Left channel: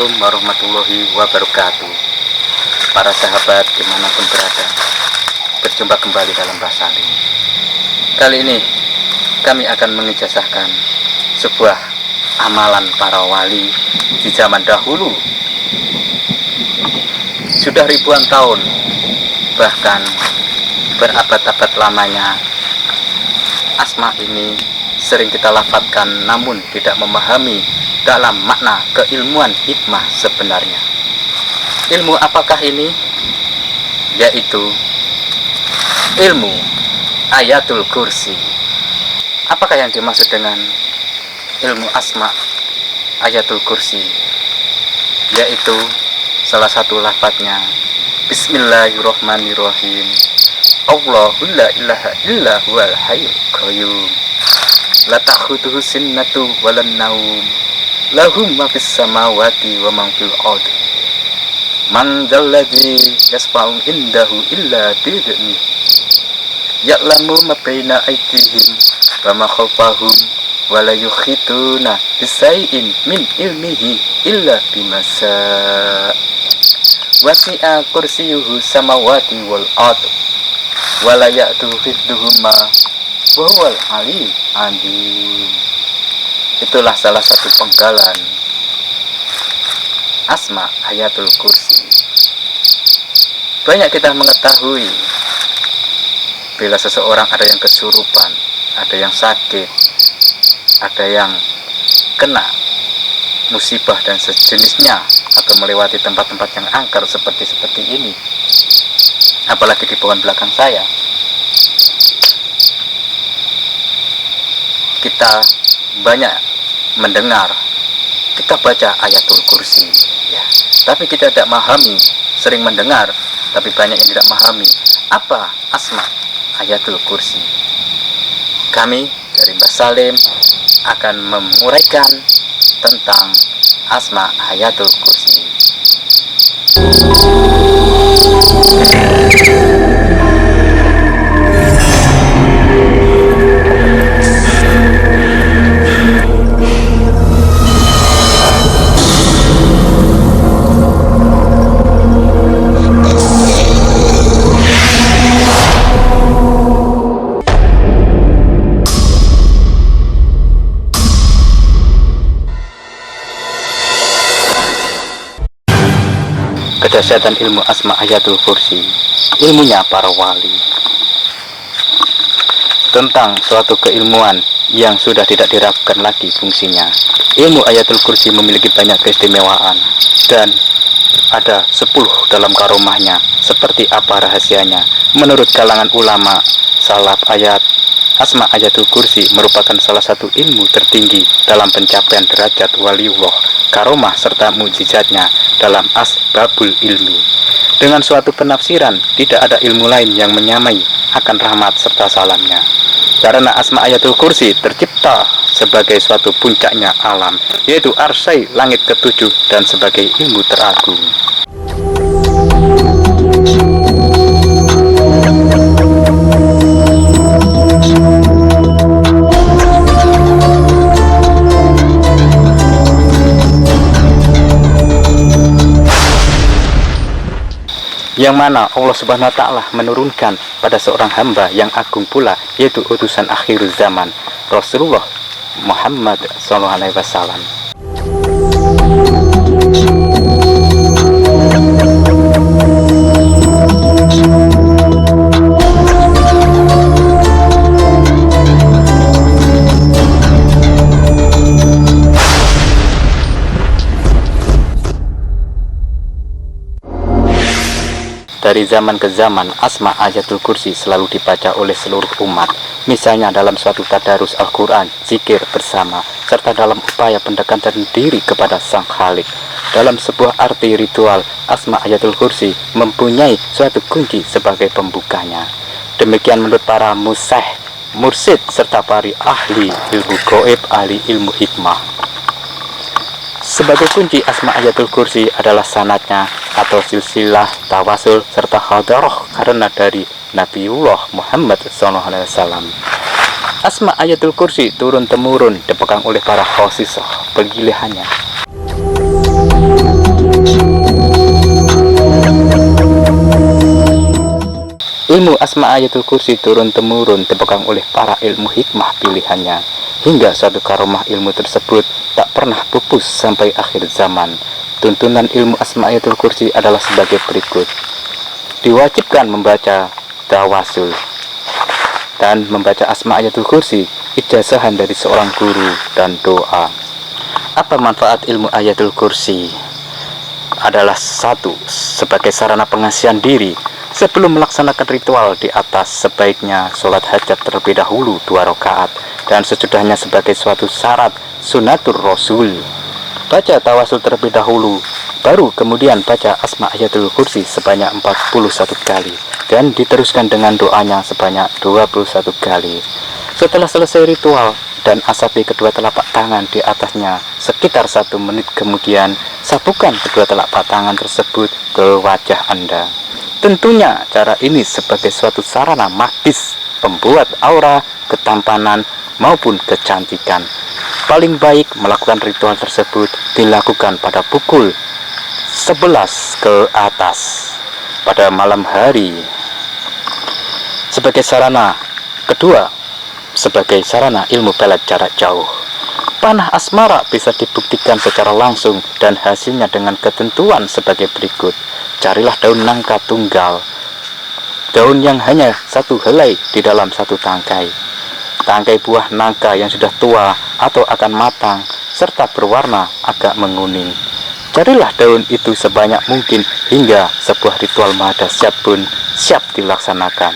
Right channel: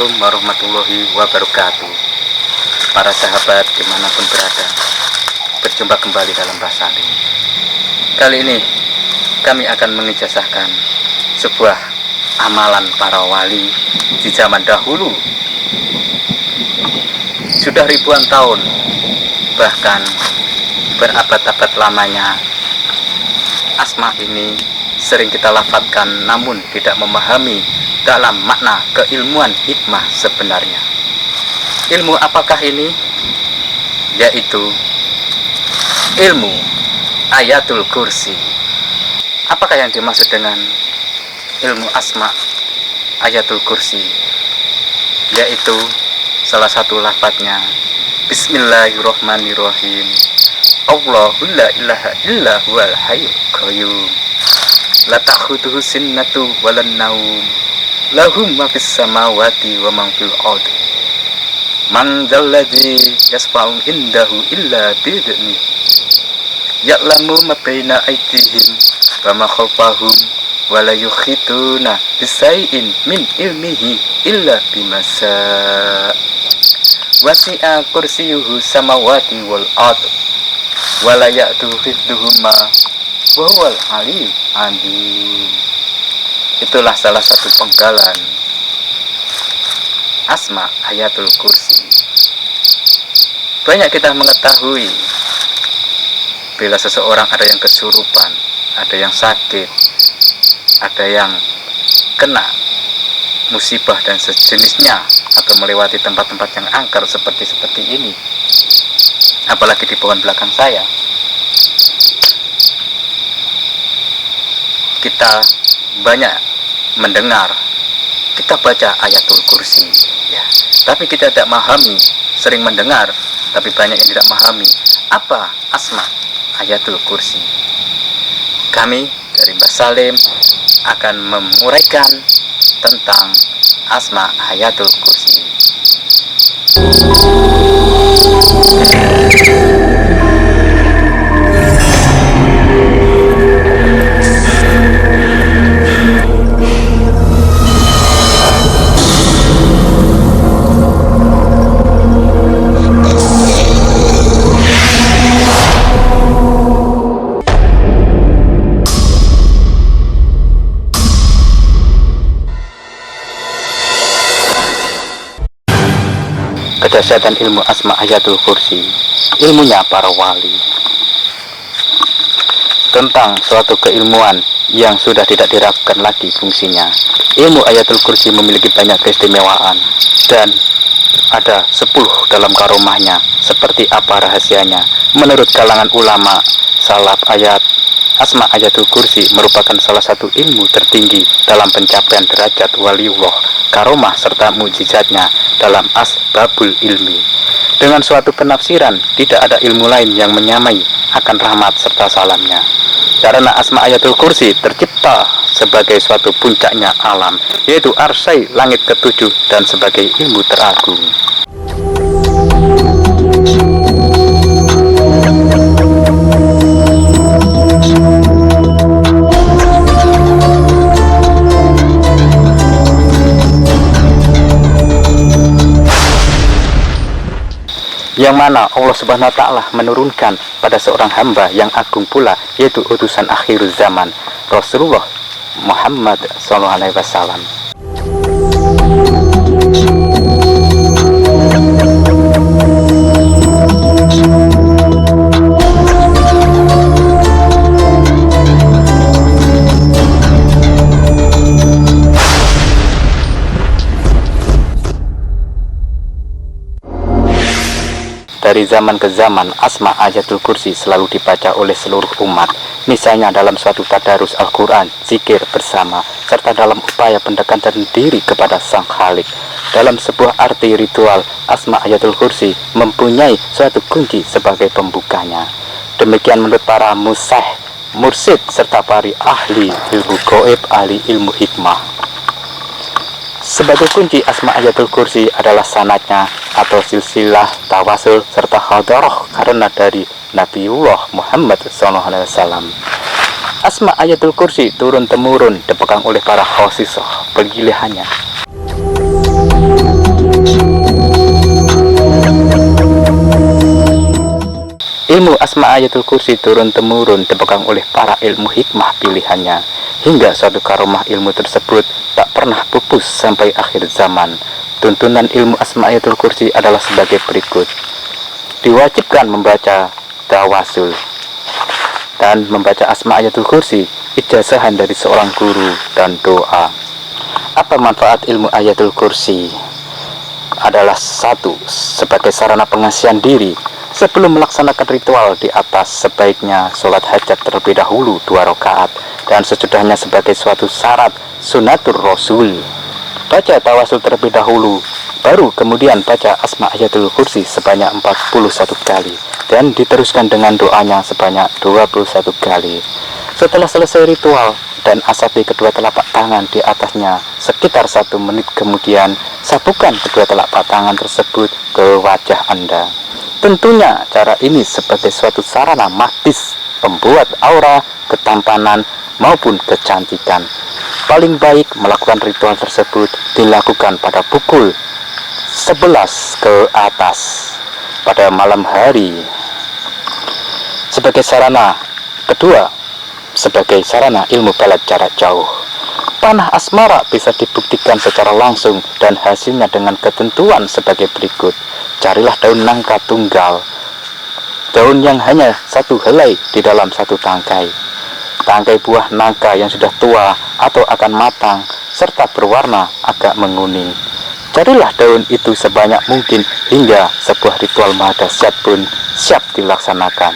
Assalamualaikum warahmatullahi wabarakatuh. Para sahabat dimanapun berada, berjumpa kembali dalam Mbah Salim. Kali ini kami akan mengijazahkan sebuah amalan para wali di zaman dahulu. Sudah ribuan tahun, bahkan berabad-abad lamanya, asma ini sering kita lafadzkan namun tidak memahami dalam makna keilmuan hikmah sebenarnya. Ilmu apakah ini? Yaitu ilmu Ayatul Kursi. Apakah yang dimaksud dengan ilmu asma Ayatul Kursi? Yaitu salah satu lafadznya Bismillahirrahmanirrahim. Allahu la ilaha illa huwal hayyul qayyum. La ta'khudhuhu sinnatu walan naum. Lahum ma fis samawati wa ma fil ardi. Man dzalladzi yasfa'u indahu illa bi'idznihi. Ya'lamu ma baina aydihim wa ma khalfahum wa la yuhituna bisai'in min ilmihi illa bima syaa. Wasi'a kursiyyuhu samawati wal ardh wa la ya'tuhu hifdhuhuma wa huwal aliyyul azim. Itulah salah satu penggalan asma Ayatul Kursi. Banyak kita mengetahui bila seseorang ada yang kesurupan, ada yang sakit, ada yang kena musibah dan sejenisnya, atau melewati tempat-tempat yang angker seperti ini, apalagi di pohon belakang saya, kita banyak mendengar, kita baca Ayatul Kursi ya, tapi kita tidak memahami. Sering mendengar tapi banyak yang tidak memahami apa asma Ayatul Kursi. Kami dari Mbah Salim akan menguraikan tentang asma Ayatul Kursi. Kedahsyatan ilmu asma Ayatul Kursi, ilmunya para wali, tentang suatu keilmuan yang sudah tidak diragukan lagi fungsinya. Ilmu Ayatul Kursi memiliki banyak keistimewaan dan ada 10 dalam karomahnya. Seperti apa rahasianya? Menurut kalangan ulama salaf, asma Ayatul Kursi merupakan salah satu ilmu tertinggi dalam pencapaian derajat waliullah, karomah serta mukjizatnya dalam asbabul ilmi. Dengan suatu penafsiran, tidak ada ilmu lain yang menyamai akan rahmat serta salamnya. Karena asma Ayatul Kursi tercipta sebagai suatu puncaknya alam, yaitu arsy langit ketujuh dan sebagai ilmu teragung. Yang mana Allah Subhanahu wa Ta'ala menurunkan pada seorang hamba yang agung pula, yaitu utusan akhir zaman Rasulullah Muhammad SAW. Dari zaman ke zaman, asma Ayatul Kursi selalu dibaca oleh seluruh umat. Misalnya dalam suatu tadarus Al-Quran, zikir bersama, serta dalam upaya pendekatan diri kepada Sang Khalik. Dalam sebuah arti ritual, asma Ayatul Kursi mempunyai suatu kunci sebagai pembukanya. Demikian menurut para mursyid serta para ahli ilmu gaib, ahli ilmu hikmah. Sebagai kunci asma Ayatul Kursi adalah sanadnya atau silsilah tawasul serta hadarah karena dari Nabiullah Muhammad SAW. Asma Ayatul Kursi turun-temurun dipegang oleh para khosisah pilihannya. Ilmu Asma Ayatul Kursi turun-temurun dipegang oleh para ilmu hikmah pilihannya, hingga suatu karomah ilmu tersebut tak pernah pupus sampai akhir zaman. Tuntunan ilmu Asma Ayatul Kursi adalah sebagai berikut. Diwajibkan membaca tawasul dan membaca Asma Ayatul Kursi, ijazahan dari seorang guru, dan doa. Apa manfaat ilmu Ayatul Kursi? Adalah satu, sebagai sarana pengasihan diri. Sebelum melaksanakan ritual di atas, sebaiknya sholat hajat terlebih dahulu 2 rakaat, dan sesudahnya sebagai suatu syarat sunatur rasul. Baca tawasul terlebih dahulu, baru kemudian baca Asma Ayatul Kursi sebanyak 41 kali, dan diteruskan dengan doanya sebanyak 21 kali. Setelah selesai ritual dan asapi kedua telapak tangan di atasnya sekitar 1 menit kemudian, sapukan kedua telapak tangan tersebut ke wajah Anda. Tentunya cara ini sebagai suatu sarana magis pembuat aura, ketampanan maupun kecantikan. Paling baik melakukan ritual tersebut dilakukan pada pukul 11 ke atas pada malam hari. Sebagai sarana kedua, sebagai sarana ilmu pelet jarak jauh. Panah asmara bisa dibuktikan secara langsung dan hasilnya dengan ketentuan sebagai berikut. Carilah daun nangka tunggal, daun yang hanya 1 helai di dalam 1 tangkai. Tangkai buah nangka yang sudah tua atau akan matang serta berwarna agak menguning. Carilah daun itu sebanyak mungkin hingga sebuah ritual mahadasyat pun siap dilaksanakan.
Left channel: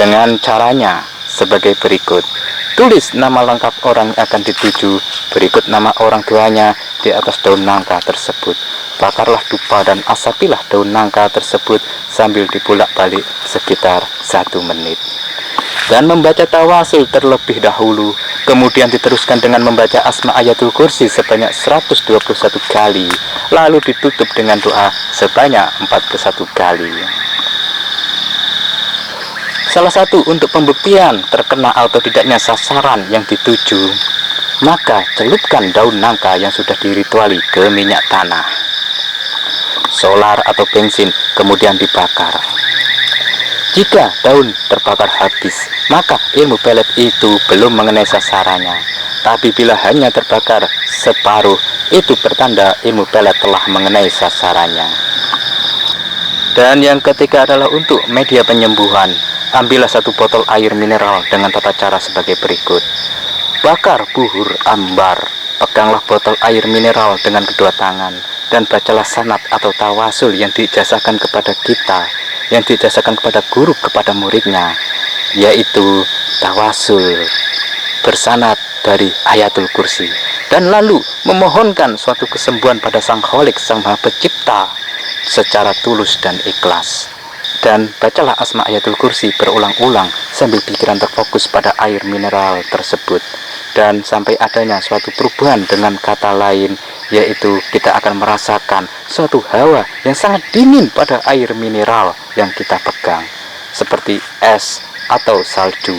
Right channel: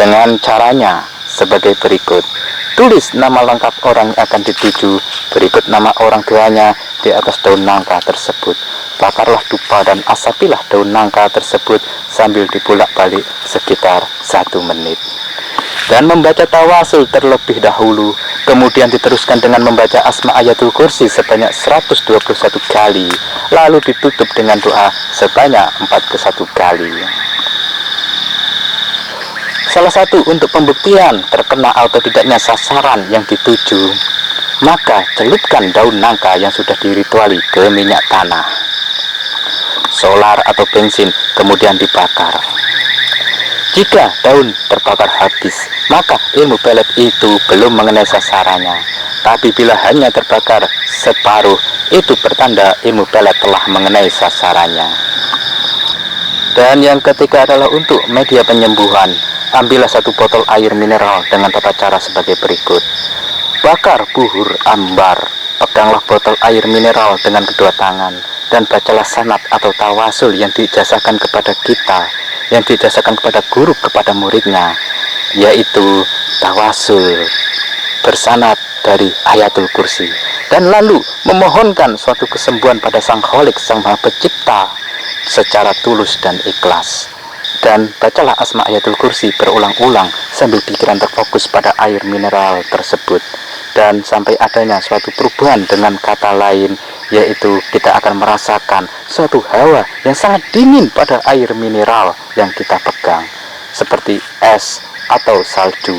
Dengan caranya sebagai berikut. Tulis nama lengkap orang yang akan dituju, berikut nama orang tuanya di atas daun nangka tersebut. Bakarlah dupa dan asapilah daun nangka tersebut sambil dibolak-balik sekitar 1 menit. Dan membaca tawasul terlebih dahulu, kemudian diteruskan dengan membaca Asma Ayatul Kursi sebanyak 121 kali, lalu ditutup dengan doa sebanyak 41 kali. Salah satu untuk pembuktian terkena atau tidaknya sasaran yang dituju, maka celupkan daun nangka yang sudah dirituali ke minyak tanah, solar atau bensin, kemudian dibakar. Jika daun terbakar habis, maka ilmu pelet itu belum mengenai sasarannya. Tapi bila hanya terbakar separuh, itu pertanda ilmu pelet telah mengenai sasarannya. Dan yang ketiga adalah untuk media penyembuhan. Ambillah 1 botol air mineral dengan tata cara sebagai berikut. Bakar buhur ambar, peganglah botol air mineral dengan kedua tangan, dan bacalah sanad atau tawasul yang diijazahkan kepada kita, yang diijazahkan kepada guru kepada muridnya, yaitu tawasul bersanad dari Ayatul Kursi, dan lalu memohonkan suatu kesembuhan pada Sang Kholik, Sang Maha Pencipta secara tulus dan ikhlas. Dan bacalah Asma Ayatul Kursi berulang-ulang sambil pikiran terfokus pada air mineral tersebut, dan sampai adanya suatu perubahan dengan kata lain, yaitu kita akan merasakan suatu hawa yang sangat dingin pada air mineral yang kita pegang, seperti es atau salju,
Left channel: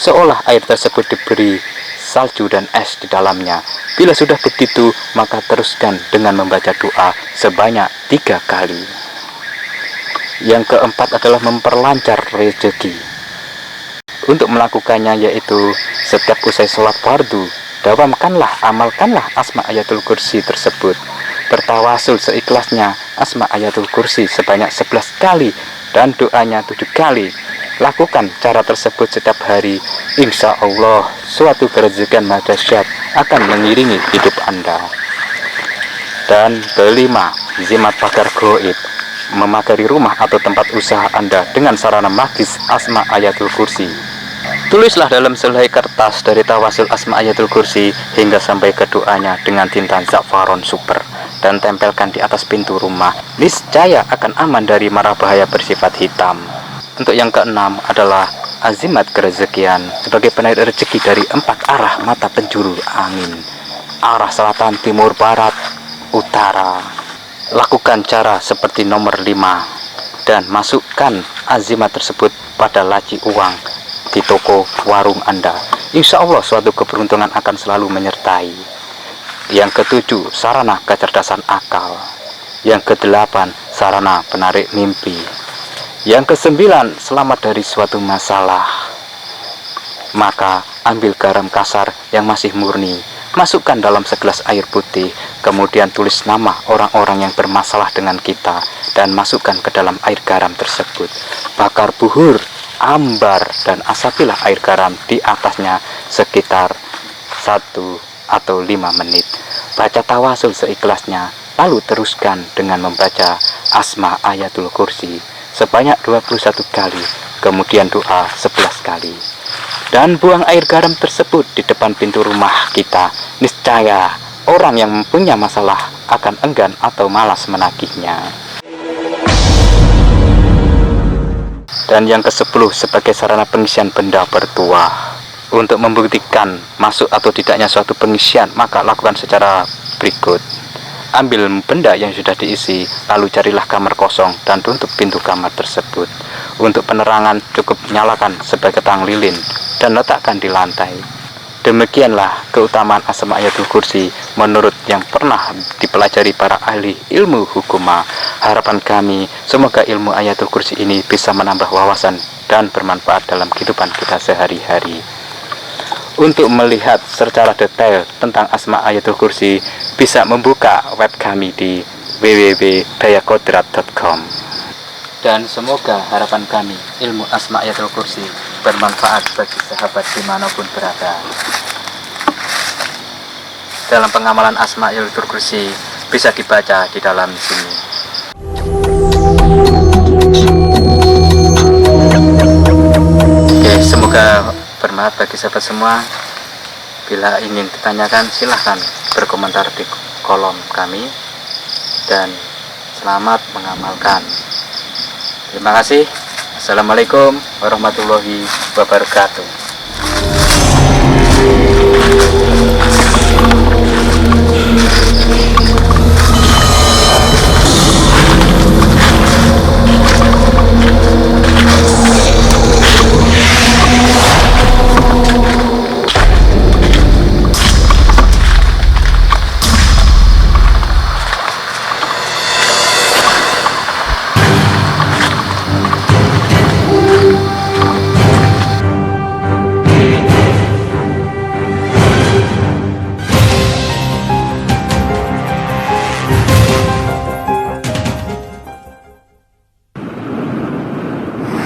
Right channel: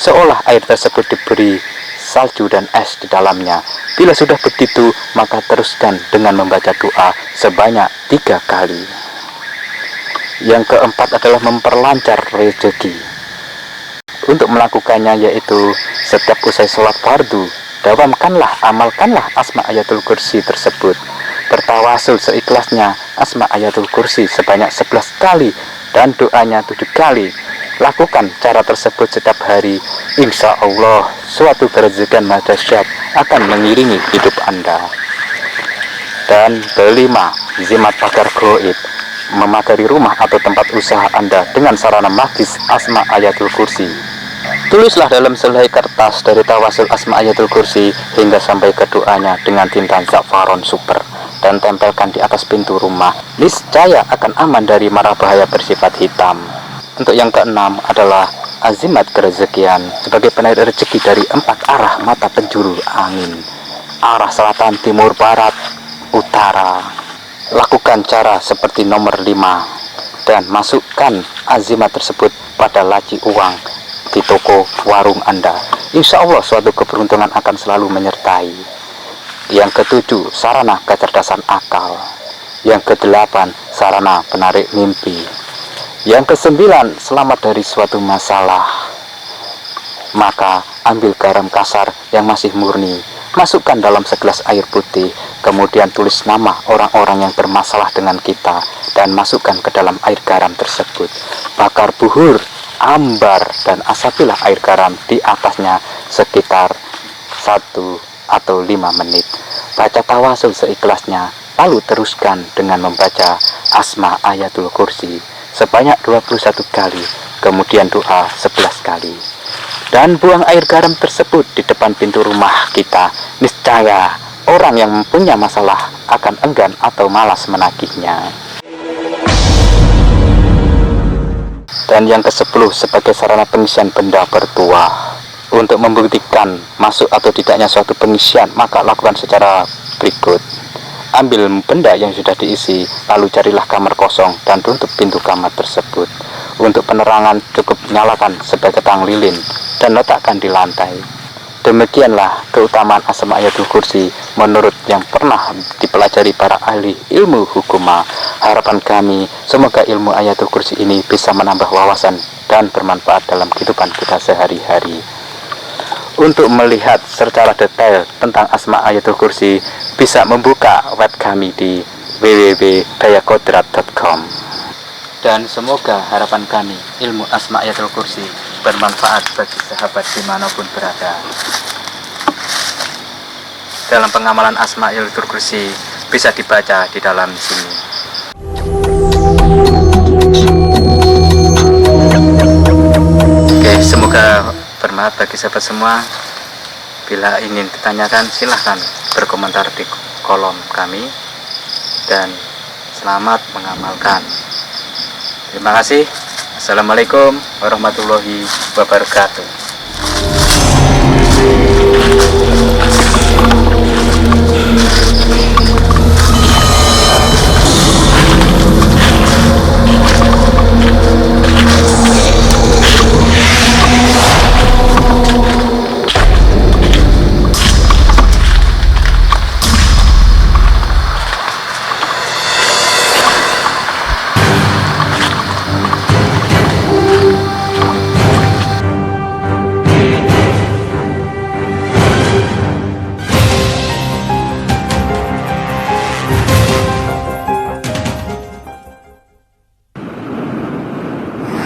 seolah air tersebut diberi salju dan es di dalamnya. Bila sudah begitu, maka teruskan dengan membaca doa sebanyak 3 kali. Yang keempat adalah memperlancar rezeki. Untuk melakukannya yaitu setiap usai sholat fardu, dawamkanlah, amalkanlah Asma Ayatul Kursi tersebut. Bertawasul seikhlasnya Asma Ayatul Kursi sebanyak 11 kali dan doanya 7 kali. Lakukan cara tersebut setiap hari. Insya Allah suatu kerezekian dahsyat akan mengiringi hidup Anda. Dan kelima, zimat pagar goib. Memagari rumah atau tempat usaha Anda dengan sarana magis Asma Ayatul Kursi. Tulislah dalam selai kertas dari tawasul Asma Ayatul Kursi hingga sampai ke doanya dengan tinta za'faron super, dan tempelkan di atas pintu rumah. Niscaya akan aman dari mara bahaya bersifat hitam. Untuk yang keenam adalah azimat kerezekian sebagai penarik rezeki dari 4 arah mata penjuru angin, arah selatan, timur, barat, utara. Lakukan cara seperti nomor 5 dan masukkan azimat tersebut pada laci uang di toko warung Anda. Insya Allah suatu keberuntungan akan selalu menyertai. Yang ketujuh, sarana kecerdasan akal. Yang kedelapan, sarana penarik mimpi. Yang kesembilan, selamat dari suatu masalah. Maka ambil garam kasar yang masih murni, masukkan dalam segelas air putih, kemudian tulis nama orang-orang yang bermasalah dengan kita dan masukkan ke dalam air garam tersebut. Bakar buhur, ambar, dan asapilah air garam di atasnya sekitar 1 atau 5 menit. Baca tawasul seikhlasnya, lalu teruskan dengan membaca Asma Ayatul Kursi sebanyak 21 kali, kemudian doa 11 kali. Dan buang air garam tersebut di depan pintu rumah kita. Niscaya orang yang mempunyai masalah akan enggan atau malas menagihnya. Dan yang ke-10, sebagai sarana pengisian benda bertuah. Untuk membuktikan masuk atau tidaknya suatu pengisian, maka lakukan secara berikut. Ambil benda yang sudah diisi, lalu carilah kamar kosong dan tutup pintu kamar tersebut. Untuk penerangan cukup nyalakan sebagai tang lilin dan letakkan di lantai. Demikianlah keutamaan Asma Ayatul Kursi menurut yang pernah dipelajari para ahli ilmu hukuma. Harapan kami, semoga ilmu Ayatul Kursi ini bisa menambah wawasan dan bermanfaat dalam kehidupan kita sehari-hari. Untuk melihat secara detail tentang Asma Ayatul Kursi, bisa membuka web kami di www.dayakodrat.com. Dan semoga harapan kami, ilmu Asma Ayatul Kursi, bermanfaat bagi sahabat dimanapun berada. Dalam pengamalan Asma Ayatul Kursi bisa dibaca di dalam sini. Oke, semoga bermanfaat bagi sahabat semua. Bila ingin ditanyakan, silahkan berkomentar di kolom kami. Dan selamat mengamalkan. Terima kasih. Assalamualaikum warahmatullahi wabarakatuh.